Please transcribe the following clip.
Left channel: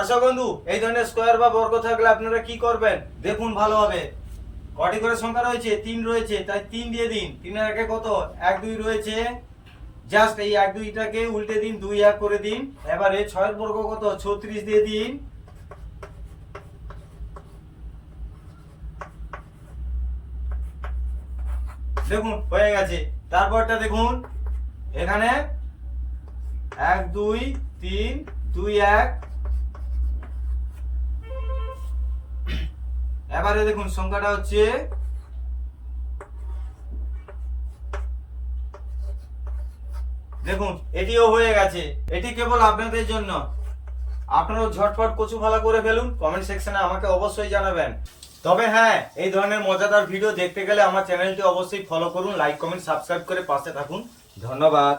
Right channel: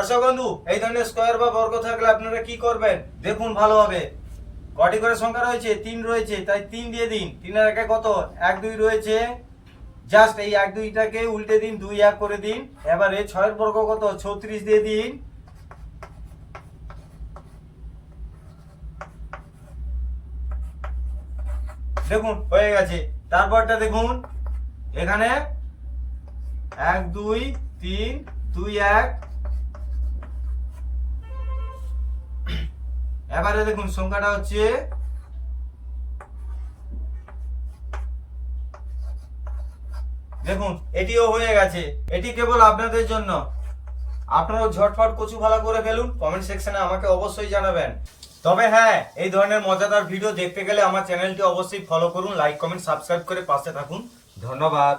দর্শক বন্ধু, এই ধরনের স্কোয়ার বা বর্গ থাকলে আপনারা কি করবেন দেখুন ভালোভাবে। কটি করে সংখ্যা রয়েছে? 3 রয়েছে, তাই 3 দিয়ে দিন। 3 এর আগে কত? 1 2 রয়েছে, জাস্ট এই 1 2টাকে উল্টে দিন, 2 1 করে দিন। এবারে 6 এর বর্গ কত? 36 দিয়ে দিন। দেখুন হয়ে গেছে। তারপরটা দেখুন, এখানে 1 2 3 2 1। এবারে দেখুন সংখ্যাটা হচ্ছে দেখুন এটিও হয়ে গেছে। এটি কেবল আপনাদের জন্য। আপনারাও ঝটফট কচু ফালা করে ফেলুন, কমেন্ট সেকশনে আমাকে অবশ্যই জানাবেন। তবে হ্যাঁ, এই ধরনের মজাদার ভিডিও দেখতে গেলে আমার চ্যানেলটি অবশ্যই ফলো করুন, লাইক কমেন্ট সাবস্ক্রাইব করে পাশে থাকুন। ধন্যবাদ।